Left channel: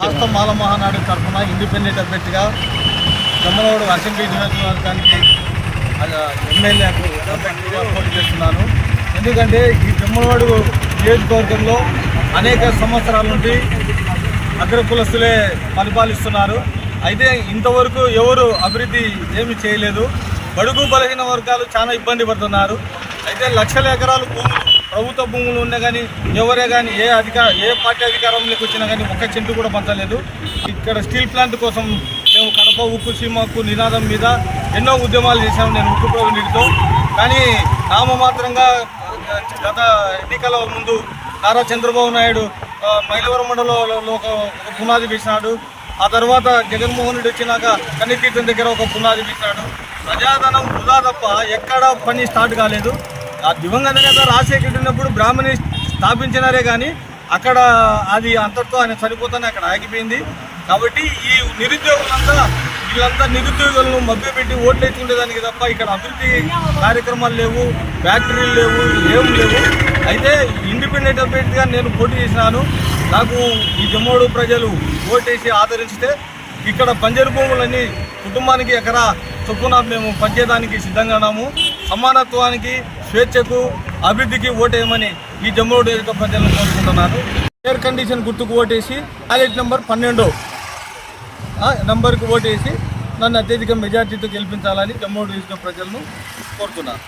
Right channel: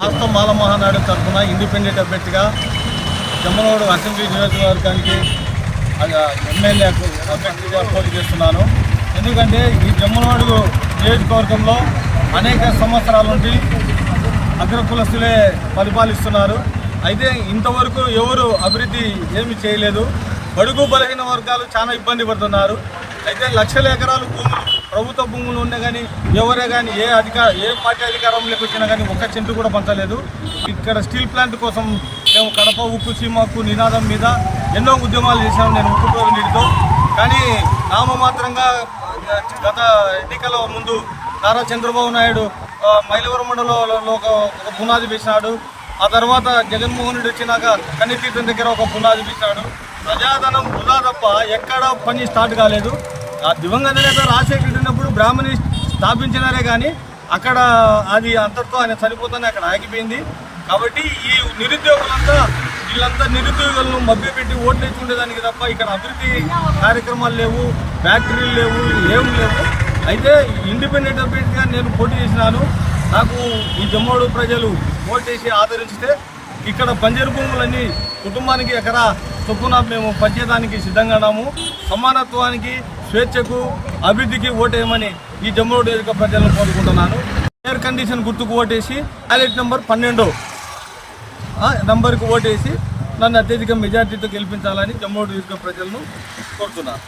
రాష్ట్ర మాల మహానాడు తరఫున ఇండిపెండెంట్ అభ్యర్థిగా జమ్మలమడుగు అసెంబ్లీ నియోజకవర్గానికి ఎమ్మెల్యేకు అభ్యర్థిగా పోటీ చేస్తున్నాను. ఎందుకంటే ఈ జమ్మలమడుగు నియోజకవర్గంలో అనేక సంవత్సరాల నుండి అగ్రకులస్తులే పరిపాలిస్తున్నారు. అయితే ఇంతవరకు ఎవరు అభివృద్ధి ఏమీ చేయలేదు. బడుగు బలహీన వర్గాలు చాలా ఇబ్బంది పడుతున్నారు. అయితే లక్షల ఎకరాలు భూములు, ప్రభుత్వ భూములు ఉన్నా కానీ ఎవరే కానీ ఏ పార్టీ అధికారంలోకి వచ్చినా కానీ ఒక్క చెంటు కూడా పంచలేదు. ఇక్కడ స్టీల్ ప్లాంట్ కోసం మేము కడప ఉక్కు సీమకు నినాదం మీద ఎన్నో ఉద్యమాలు చేశాము నేను ఉక్కు ప్రోజెక్టుతో. కానీ నామమాత్రంగా గత ఎన్నికల ముందు నారా చంద్రబాబు నాయుడు మైలవరం మండలంలో ఒక పునాది వేసినాడు. ఆ తర్వాత జగన్మోహన్ రెడ్డి వచ్చినాక కన్నీతీర్థం దగ్గర ఒక పునాది వేసినాడు. ప్రజాధనం వృధా తప్ప ఎక్కడ పని స్టార్ట్ కాలేదు. ఆ దివంగత నేత రాజశేఖర్ ఉన్నప్పుడు బ్రాహ్మణి స్థాపించినారే కానీ అక్కడ అది అంతటితో ఆయన చనిపోతానే అక్కడ ఆగిపోయింది. కాబట్టి ఈ వీళ్ళంతా నిరుద్యోగులను మభ్యపెట్టి ఓట్లు వేసుకునేదానికి తప్ప ఇక్కడ అభివృద్ధి కార్యక్రమాలు లేవు, ఫ్యాక్టరీలు లేవు, ఏం లేవు. అయితే ఇండిపెండెంట్ అభ్యర్థిగా నేను పోటీ చేసినాను. నాకు ఈ జమ్మోడు ప్రజలు ఓటేసి ఆదరిస్తే ఇక్కడ బంజరు భూములన్నీ కుటుంబానికి ఎకరా చొప్పున మేము పంచేదానికి సిద్ధంగా ఉన్నాము. సమానత్వానికి, స్వేచ్ఛకు, అభివృద్ధికి ఓటేయమని ఈ జమ్మోడు నియోజక ప్రజలను కోరుకుంటున్నాను. ఎయిర్ కండిషన్ గుర్తుకు ఓటేసి బ్యాలెట్ నెంబర్ 12 నంబర్కు ఓటేసి నన్ను అత్యధిక మెజార్టీతో గెలిపించాలని జమ్మోడు నియోజక ప్రజలను కోరుతున్నాను.